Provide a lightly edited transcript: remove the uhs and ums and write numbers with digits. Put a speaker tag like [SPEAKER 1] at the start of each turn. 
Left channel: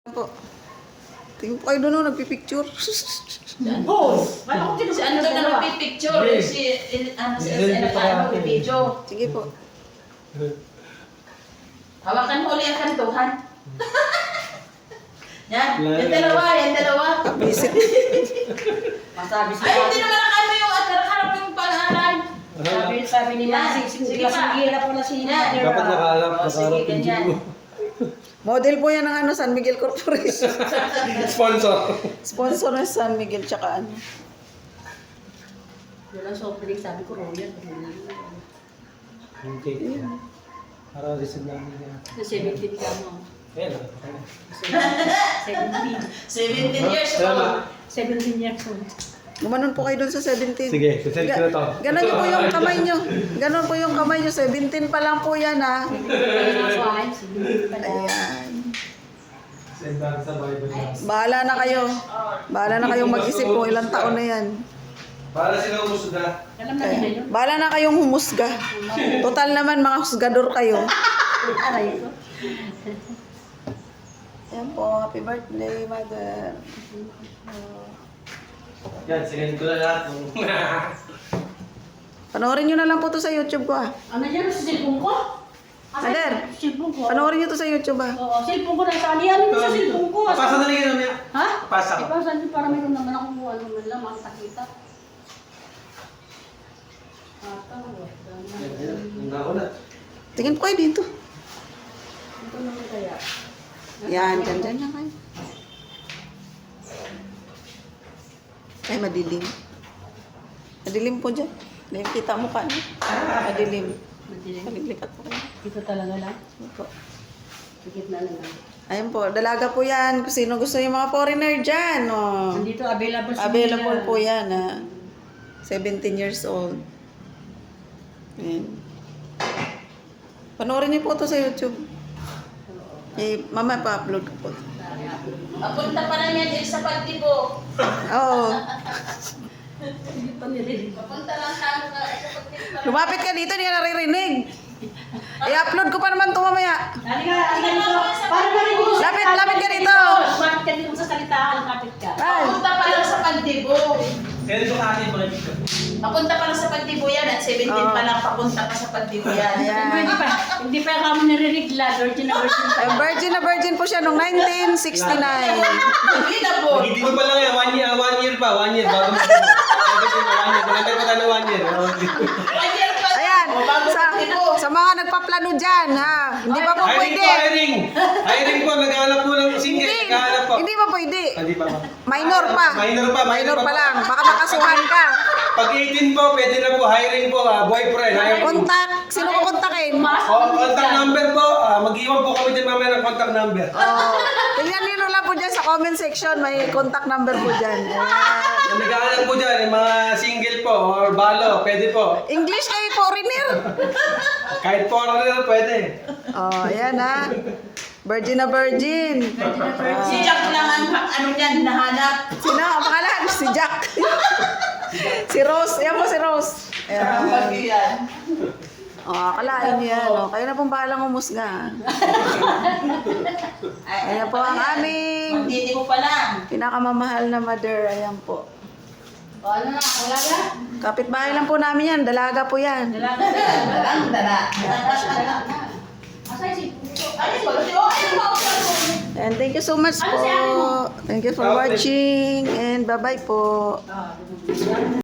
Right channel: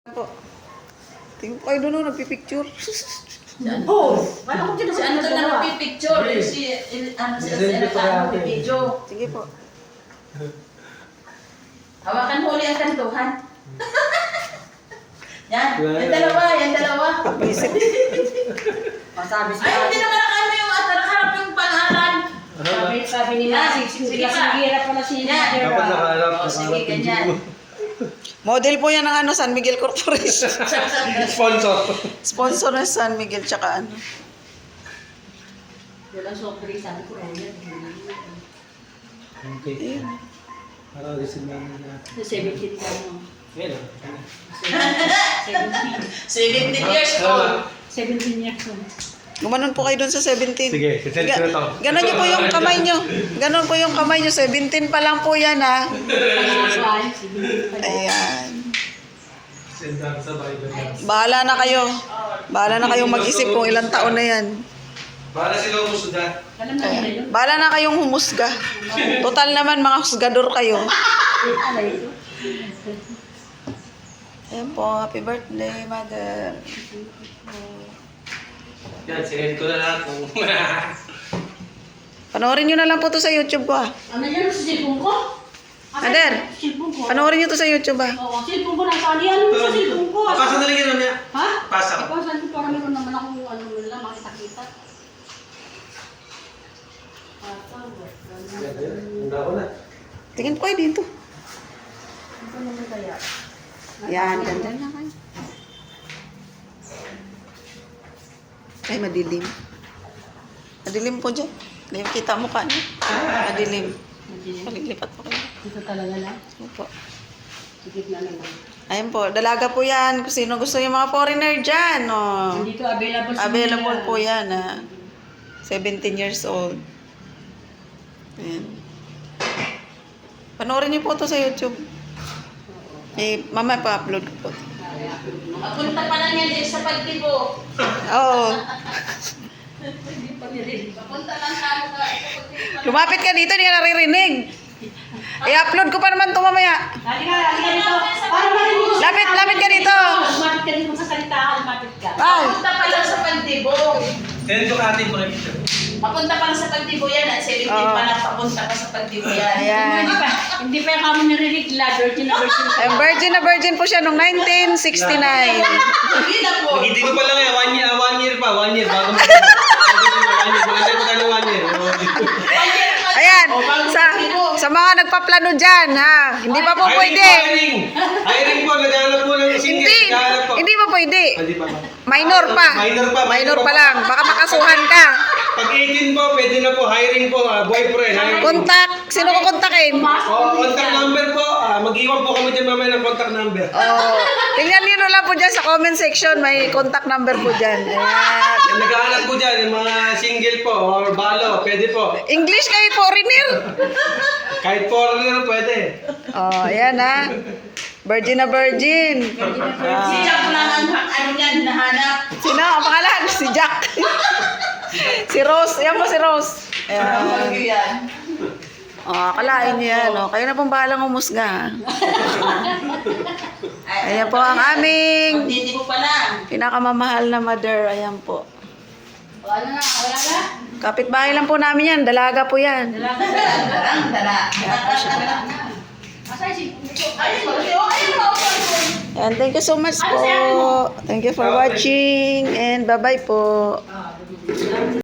[SPEAKER 1] Po. Tingin po kayo doon, nagpipicture.
[SPEAKER 2] Boss! Wala ko
[SPEAKER 3] Si ano doon na nagpipicture? Si nagpipidyo.
[SPEAKER 1] Sige po.
[SPEAKER 3] Hawakan mo ulit ang kantuhan. Yan, yung dalawa.
[SPEAKER 1] Visit.
[SPEAKER 2] Masabi
[SPEAKER 3] Ay, hindi naman nakano yung harap yung pangalan.
[SPEAKER 2] Sabi ni Nancy,
[SPEAKER 3] Sige pa.
[SPEAKER 2] singira pala si
[SPEAKER 3] Yan.
[SPEAKER 4] Dapat nakaharap,
[SPEAKER 3] O, sige,
[SPEAKER 4] nakaharap yung
[SPEAKER 3] ganyan.
[SPEAKER 4] dugo.
[SPEAKER 1] Model po yan ng ano, San Miguel Corporation.
[SPEAKER 4] Sponsor.
[SPEAKER 1] Sponsor ng San Miguel, tsaka ano.
[SPEAKER 2] Yan ang soft drink, sabi ko raw yan.
[SPEAKER 4] Okay.
[SPEAKER 1] Ayun.
[SPEAKER 4] Parang receive namin niya.
[SPEAKER 2] 17 ka mo.
[SPEAKER 4] Ayan.
[SPEAKER 3] 17 years old.
[SPEAKER 2] 17 years old.
[SPEAKER 1] Gumanon po kayo doon sa 17.
[SPEAKER 4] Sige, sisend ko na to.
[SPEAKER 1] Ganon nyo po yung kamay nyo. Ganon po yung kamay nyo. 17 pa lang po yan, ha. Ayan.
[SPEAKER 4] Send lang sa Bible niya.
[SPEAKER 1] Bahala na kayo. Bahala na kayong mag-isip kung ilang taon na yan.
[SPEAKER 4] Para sila umusuda.
[SPEAKER 2] Alam na nila yun.
[SPEAKER 1] Bahala na kayong humusga. Total naman, mga husgador kayo.
[SPEAKER 2] Aray ko.
[SPEAKER 1] Ayan po, happy birthday, mother.
[SPEAKER 4] Yan, sinend ko na lahat.
[SPEAKER 1] Panoorin nyo na lang po to sa YouTube ko, ah.
[SPEAKER 2] Ano yan sa cellphone ko?
[SPEAKER 1] Ader,
[SPEAKER 2] Cellphone ko.
[SPEAKER 1] panoorin nyo to sa YouTube, ah.
[SPEAKER 2] Oo, cellphone ko nasa ali. Ano mo sa cellphone ko?
[SPEAKER 4] Pasa na rin yun niya.
[SPEAKER 2] Ha?
[SPEAKER 4] Pasa ka.
[SPEAKER 2] Ipasan ko para meron naman akong ano nila, makita-kita.
[SPEAKER 4] Handa ko na.
[SPEAKER 1] Tingin po kayo dito.
[SPEAKER 2] Ito naman kaya.
[SPEAKER 1] Yan, dyan na kayo. Ay, madilim. Madilim po dyan. Hindi kita mukha niyo. Madilim. Paliglipat po kayo.
[SPEAKER 2] Dito talaga lang.
[SPEAKER 1] Opo.
[SPEAKER 2] Sikit na lang.
[SPEAKER 1] Ayun po, dalaga po yan. Kung sino gusto yung mga foreigner dyan. Oh.
[SPEAKER 2] Nandito available sa
[SPEAKER 1] Available po yan, ha. 17 years old. Ayan. Panoorin niyo po to sa YouTube. Eh, mama pa-upload ko po.
[SPEAKER 3] Papunta pa lang yan sa pagtibo.
[SPEAKER 1] Oo.
[SPEAKER 2] Hindi pa nirinig.
[SPEAKER 3] Papunta lang tayo sa pagtibo.
[SPEAKER 1] Lumapit ka dito, hindi ka naririnig. I-upload ko pa naman to mamaya.
[SPEAKER 2] Lali ka dito. Parang narinig mo.
[SPEAKER 1] Lapit ka dito.
[SPEAKER 2] Lumapit ka dito sa salita ka, lumapit ka.
[SPEAKER 1] Bye.
[SPEAKER 3] Papunta pa lang sa pagtibo.
[SPEAKER 4] Send ko ka atin mo na picture.
[SPEAKER 3] Papunta pa lang sa pagtibo yan. At 17
[SPEAKER 1] Oo.
[SPEAKER 3] pa lang papunta pa sa pagtibo yan.
[SPEAKER 1] Ayan.
[SPEAKER 2] Hindi pa yung kamo narinig. Virgin na virgin.
[SPEAKER 1] Ay, virgin na virgin po siya noong 1969.
[SPEAKER 3] Hindi na po.
[SPEAKER 4] Hindi ko pa lang eh. 1 year pa. 1 year. Bago mo. 1 year. Magantay pa tayo 1 year.
[SPEAKER 1] Ayan, sa mga nagpaplano dyan, ha. Hindi pa po pwede.
[SPEAKER 4] Hiring. Hiring po. Naghahanap po ng single.
[SPEAKER 1] Hindi,
[SPEAKER 4] Naghahanap po.
[SPEAKER 1] hindi pa pwede.
[SPEAKER 4] Hindi pa ba?
[SPEAKER 1] Minor pa.
[SPEAKER 4] Minor pa.
[SPEAKER 1] lang. Baka makasuhan ka.
[SPEAKER 4] Pag 18 po, pwede na po. Hiring po. Boyfriend. Hiring.
[SPEAKER 1] Contact. Sino ko kontakin?
[SPEAKER 4] Contact number po. Mag-iwan po kami dyan mamaya ng contact number.
[SPEAKER 1] Oh, tingnan niyo lang po dyan sa comment section. May contact number po dyan. Ayan.
[SPEAKER 4] Yung naghahanap po dyan, yung mga single po or balo, pwede po.
[SPEAKER 1] English kayo, foreigner.
[SPEAKER 4] Kahit foreigner, pwede.
[SPEAKER 1] Oh, ayan ha. Virgin na virgin.
[SPEAKER 3] Si Jack lang ang ano yan, nahanap.
[SPEAKER 1] Sino ang pangalan? Si Jack. Si Rose. Ayan po si Rose.
[SPEAKER 3] Ang bagyo
[SPEAKER 1] Ayan.
[SPEAKER 3] yan.
[SPEAKER 1] Oh, akalain niyo yan. Oh. Kayo na pong bahalang umusga. Ayan po ang aming
[SPEAKER 3] Hindi mo pa lang.
[SPEAKER 1] pinakamamahal na mother. Ayan po.
[SPEAKER 2] O ano na, wala na?
[SPEAKER 1] Kapitbahay lang po namin yan. Dalaga po yan.
[SPEAKER 3] Dala.
[SPEAKER 2] Asay si
[SPEAKER 3] Ayun, ayun.
[SPEAKER 1] And thank you so much po. Thank you for watching. And bye-bye po.